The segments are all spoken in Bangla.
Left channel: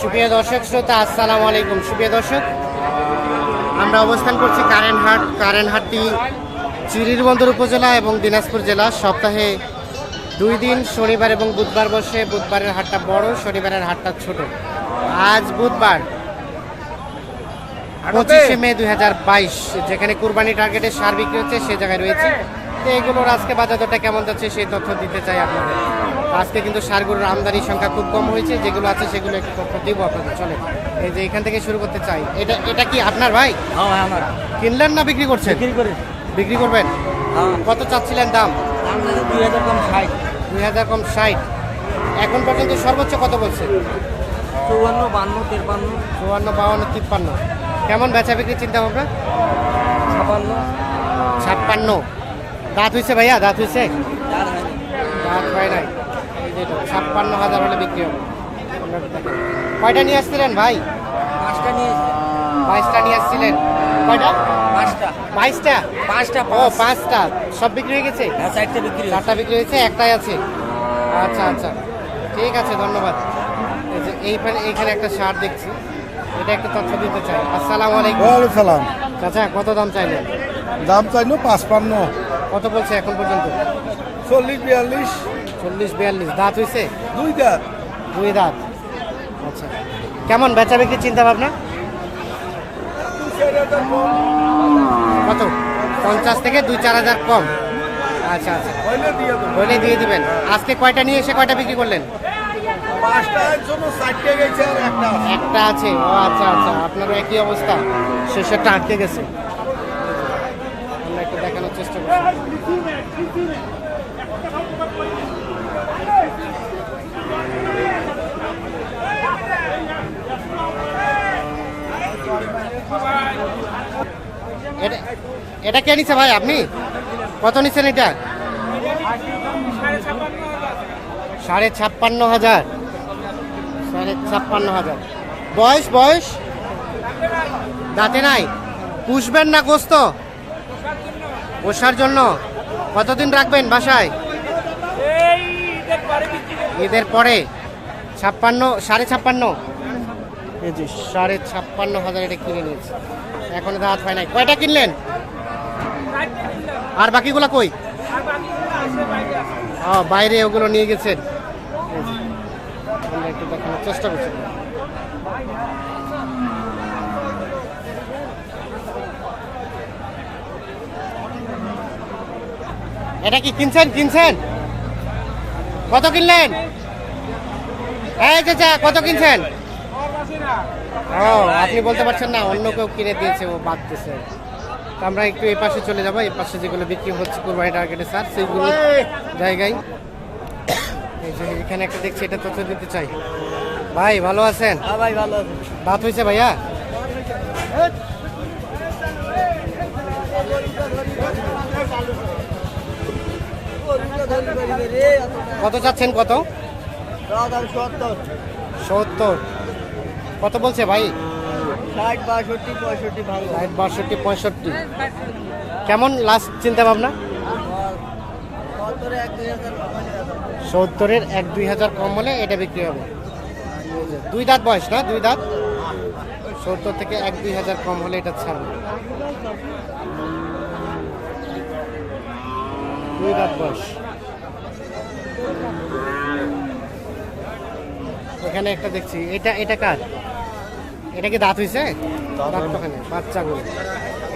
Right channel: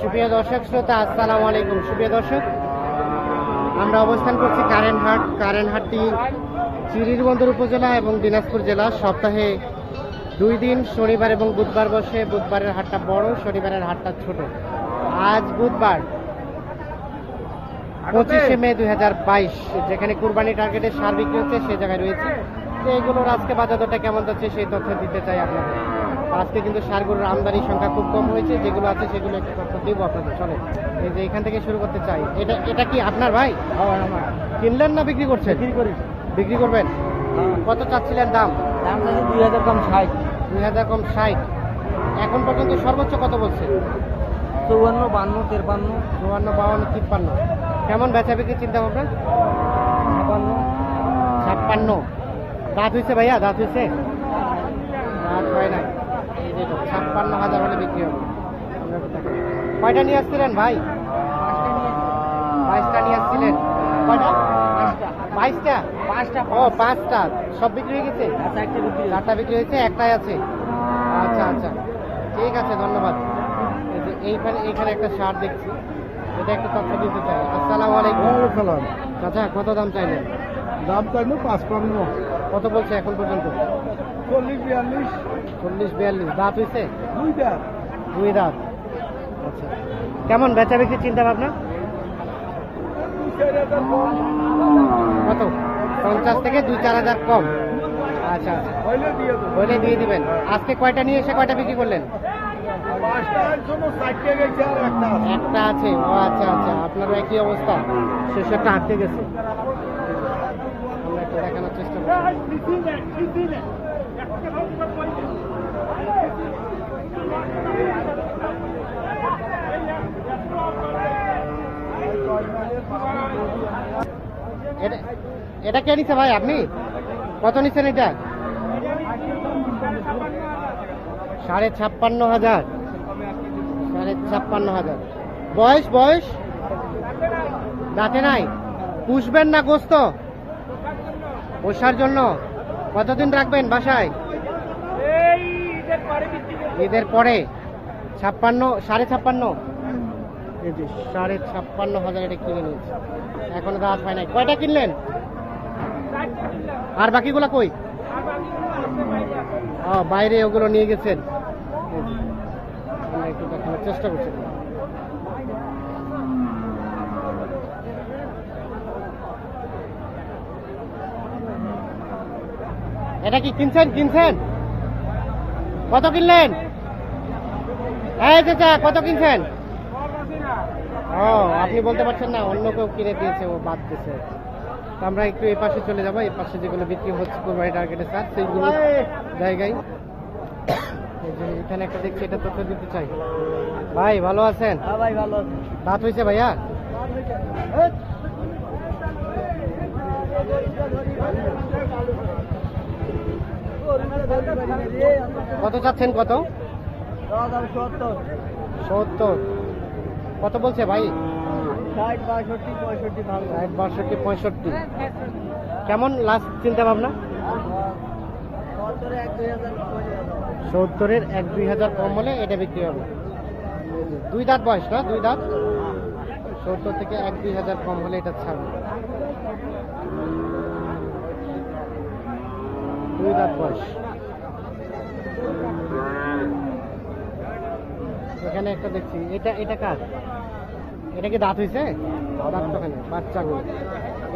সুপ্রিয় দর্শক শ্রোতা আসসালামু আলাইকুম। সুপ্রিয় দর্শক আমরা অবস্থান করছি কারেন্টহাট কারেন্টহাটটি চিরিরবন্দর উপজেলা এবং দিনাজপুর জেলা। সপ্তাহে দুই দিন শনিবার এবং বুধবার বসে। বুধবারের হাটটা বড় শনিবারের হাটটা ছোট। আজ বুধবার পঁচিশে মে দুই হাজার বাইশ যেখানে কুরবানি টার্গেটে সার বিক্রি হচ্ছে সে জায়গায় রয়েছে। তো এগুলোর আজকে বাজার দরটা কেমন যাচ্ছে সেই তথ্য দিতে চাই আপনাদের। আজকে কিন্তু সারগুলোর আমদানির সংখ্যা খুব কম হয়েছে যেগুলো আছে সেগুলো একটু দিব আপনাদের। চলে এই যে এখান থেকে শুরু করতে চাই। এটা এটা কি আপনার ভাই? হ্যাঁ কিনলেন না বিক্রি করছেন? বিক্রি করে বিক্রি করবেন? কত চাচ্ছিলেন দাম? দুই হাজার কম ষাট। দুই হাজার কম ষাট। এখন পর্যন্ত সর্বোচ্চ কত বলছে? চৌয়ান্ন বান্ন তেরপান্ন। চুয়ান্ন বাউন্ন তিপ্পান্ন। কেমন বেচা বিক্রি চিন্তা ভাবনা? ছাপান্ন। ছাপ্পান্ন। দাঁত হয়েছে ভাইয়া? দাঁত হয়েছে দাঁত হয় নাই। এটা, ছাপ্পান্ন হাজার হলে বিক্রি হবে। কয়টা নিয়ে আসছিলেন ভাই? পাঁচটা নিয়ে বাইশটা নিয়ে আসছিলেন। কয়টা? বাইশটা? পাঁচটা ও পাঁচটা। সব বিক্রি হয়ে গেছে? হ্যাঁ বিক্রি হয়েছে। চারটা বিক্রি হয়েছে একটাই আছে। আচ্ছা আচ্ছা। ঠিক আছে ধন্যবাদ। এই যে এইখানে এইখানে একটা শার্ট দেখছি। এটা একটা তথ্য দিতে চাই। আসসালামু আলাইকুম। সালাম। চাচা কত দাম চাইলেন? দাম চাইলো পাঁচপান্ন। কত বলছে এখন পর্যন্ত? চল্লিশ বিয়াল্লিশ। চল্লিশ বিয়াল্লিশ। দাঁত হয়েছে দুইটা দুই দাঁত। আচ্ছা। কেমন বেচা বিক্রি চিন্তা ভাবনা? কত? পঞ্চাশ থেকে দুই চার হাজার কম। আচ্ছা আচ্ছা। হইলে দিয়ে দেবো। বলে দিয়ে দিবেন। আজকে কয়টা নিয়ে এসে কয়টা বিক্রি করলেন? একটা আছে। ও আচ্ছা আচ্ছা। আপনারও একই অবস্থা। শেষেরটা আটকে গেছে। আমরা একটু দেখানোর চেষ্টা করছি। এটা কে নিছে ভাই আপনি? কত নিচ্ছেন এটা? সাড়ে ছাপ্পান্ন হাজার। সাড়ে ছাপ্পান্ন হাজার। বয়স বয়স? দাঁতে নাই? পুষবেন না গোস্ত? পোষার জন্য। কতদিন রাখবেন বাসায়? ঈদের পরে। ছাপ্পান্ন, সাড়ে ছাপ্পান্ন? সাড়ে ছাপ্পান্ন হাজার এটা কিনে নিয়েছে। এখনও দাঁত হয় নাই। কয়টা কিনলেন? আর বাকিগুলো কই? ও বাইরে ওগুলো নিয়ে গেছেন। একটু দেখানোর চেষ্টা করছি। এটা কি কিনছেন? কিনছেন? কত কিনলেন? এই চাচা কত কিনছেন? ও, আপনি বলতে পারছেন না, অন্য কেউ কিনে দিয়েছে, ও বাদ দিয়েছে। তো আমরা একটু এই পাশে চলে যাব। এই পাশে যেগুলো বিক্রি হচ্ছে কোরবানি টার্গেটে স্যার সেইগুলো জায়গায়। এই যে এখানে একটা দেখছি এটা তথ্য দিতে চাই। ভাই ভালো আছেন? হ্যাঁ দাঁত হয়েছে ভাইয়া? কত চাচ্ছেন কত? সত্তর। কত বলছে ভাই? ষাট বাষট্টি পঁয়ষট্টি কেমন লাস্ট চিন্তা ভাবনা সত্তরের এক দুই হাজার কম হলে এটা বিক্রি হবে। দুই দাঁত বয়স না? দুই দাঁত? সত্তর থেকে এক দুই হাজার কম হলে এটা ছাড়বে। দুই দাঁত বয়স। এখানে একটা দেখছি। এটা এটা কার? এটা কি দাঁত হয়েছে দাঁত ওখানে বাচ্চাগুলো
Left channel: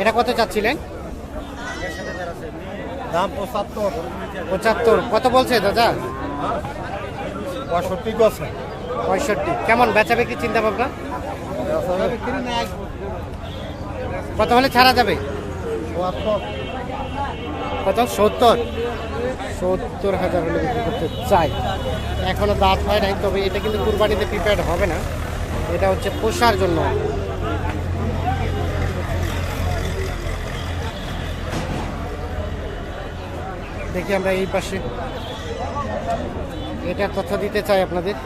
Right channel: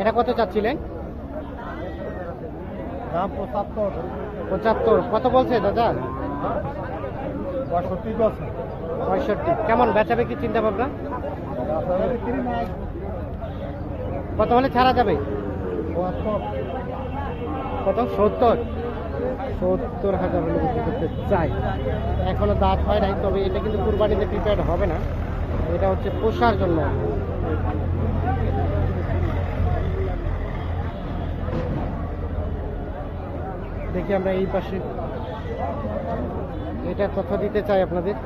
এটা কত চাচ্ছিলেন? দাম পঁচাত্তর। পঁচাত্তর। কত বলছে দাদা? পঁয়ষট্টি কেমন বেচা বিক্রি চিন্তা ভাবনা? কত হলে ছাড়া যাবে? কত? সত্তর। সত্তর হাজার হলে বিক্রি করতে চাই এখনও দাঁত হয় নাই তবে এটা কিন্তু কুরবানিতে প্রিপেয়ার হবে না। এটা হচ্ছে পোষার জন্য। দেখি আমরা এই পাশে। এটা কথা দিতে চাই আপনাদের।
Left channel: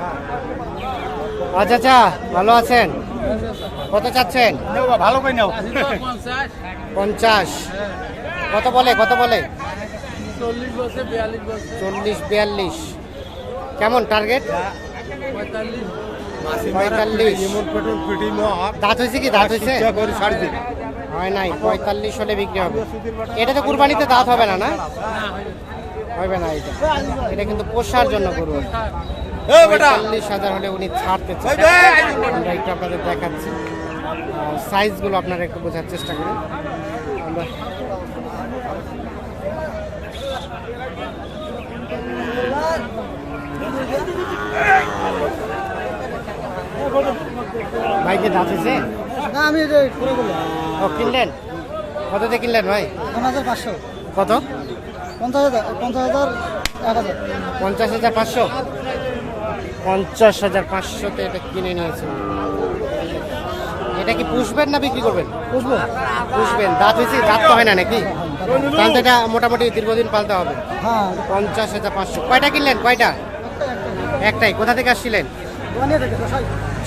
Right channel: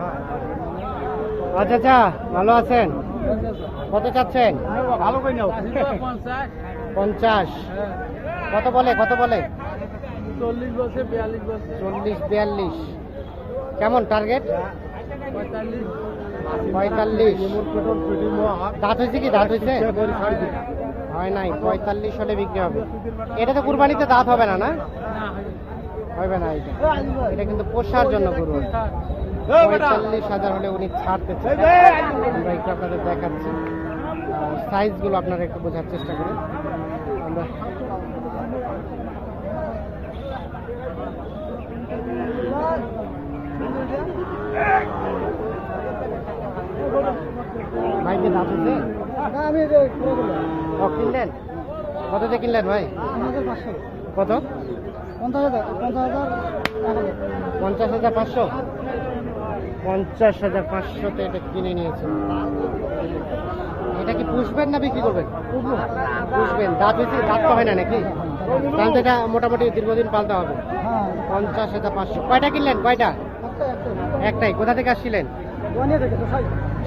আচ্ছা আচ্ছা ভালো আছেন? কত চাচ্ছেন? পঞ্চাশ। কত বলে কত বলে? চল্লিশ, বিয়াল্লিশ। কেমন টার্গেট? পঁয়তাল্লিশ পঁয়তাল্লিশ। দাঁত হয়েছে কি? দাঁত হয়েছে? হয় নাই, পঁয়তাল্লিশ হলে বিক্রি হবে। এটা তো কুরবানিতে দাঁত হবে না না? হবে না এটা। এটা কিন্তু পোষার জন্য গরু পঁয়তাল্লিশ হাজার হলে উনি ছাড়তে আমরা একটু আপনাদের দেখাচ্ছি। সাইজগুলো আপনারা একটু বোঝার চেষ্টা করেন। আমরা ভাইকে দাঁত হয়েছে না আমি ও কিনলেন? কত দিয়ে কিনলেন ভাই? কত? পঞ্চাশ হাজার পাঁচশো? পঞ্চাশ হাজার পাঁচশোতে এটা কিনে নিয়েছে এটা কি পুষবেন না বিক্রি করবেন? পুষবেন। দাঁত হয়েছে দাঁত তো হয় না নাকি? তাহলে তো এটা মোটামুটি দীর্ঘদিন পালতে হবে। হ্যাঁ। পঞ্চাশ হাজার পাঁচশো। কয়টা কিনলেন? কয়টা? একটা একটা একটাই। কোথা থেকে আসছিলেন?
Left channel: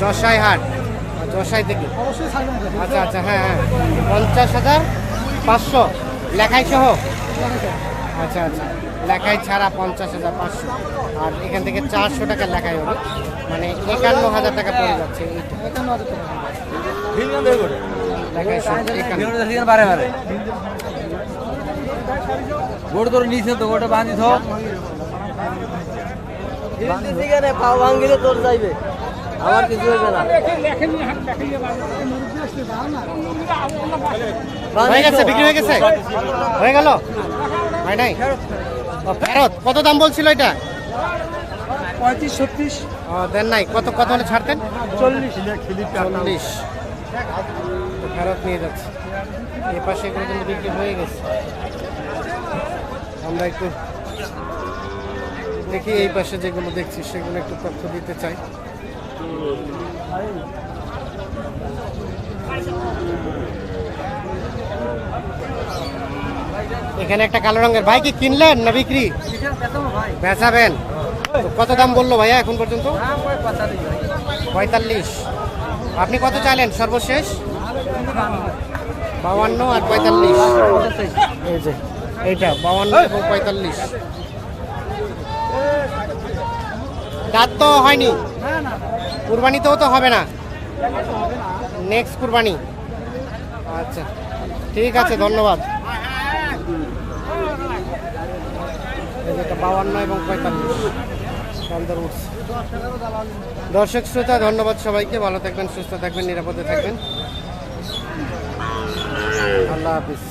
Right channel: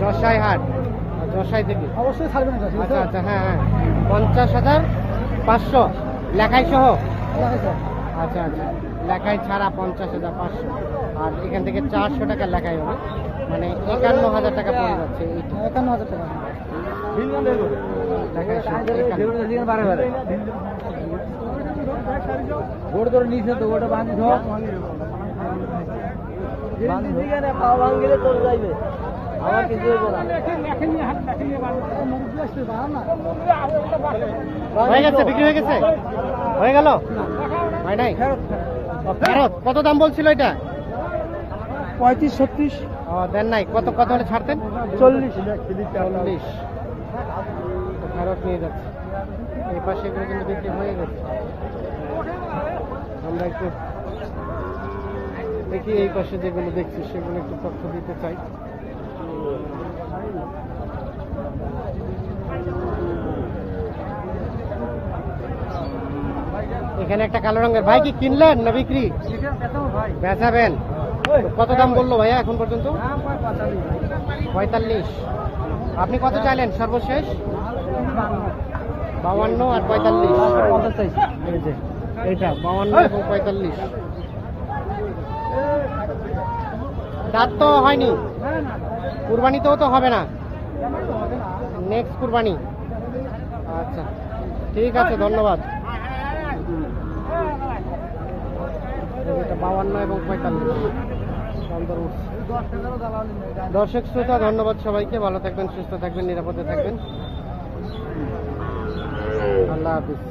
যশাই হাট। যশাই থেকে। অবশ্যই ছাড়বেন আচ্ছা আচ্ছা হ্যাঁ হ্যাঁ। পঞ্চাশ হাজার পাঁচশো। লেখাই সহ? আচ্ছা আচ্ছা। লেখাই ছাড়া পঞ্চাশ হাজার পাঁচশো। আর এখান থেকে চারশো টাকা লেখাই হবে। মানে একান্ন হাজার টাকা পড়ে যাচ্ছে এইটা। একান্ন হাজার টাকা। লেখাই সহ নিচে তো গোটা বাঁধি হয়ে গেছে বিক্রি হয়ে গেছে? হয়ে গেল? হয় নাই? ফেরত কত দাম বলছিল এটা? পঁয়ত্রিশ ছত্রিশ। ও দেন নাই কত কত হলে ছাড়তেন? চল্লিশ। চল্লিশ। তো ফেরত নিয়ে যাচ্ছে। এ পাশে এগুলো কিন্তু বিক্রি হয়ে গেছে। আমরা একটু দেখি এই পাশে যেগুলো দেখছি সেগুলো একটু তথ্য দিতে চাই। এখানে একটা কালো রঙের ভাই কি কিনলেন না বিক্রি? বেচাবেন। কত দাম বলল ভাইয়া এখন পর্যন্ত? পঁয়তাল্লিশ। আপনি কত চাইলেন সর্বশেষ? বাউান্ন আর পঁয়তাল্লিশ। এইটা, বাউান্ন এবং পঁয়তাল্লিশ। দাঁত তো হয়নি। কুরবানিতেও তো হবে না। নেক্সট কুরবানি। আচ্ছা ঠিক আছে, ধন্যবাদ। যেটা এবং পঁয়তাল্লিশ। উঠছে। দর্শক শ্রোতা, ধন্যবাদ সবাইকে। ভালো থাকবেন, সুস্থ থাকবেন, নিরাপদে থাকবেন। আল্লাহ হাফিজ।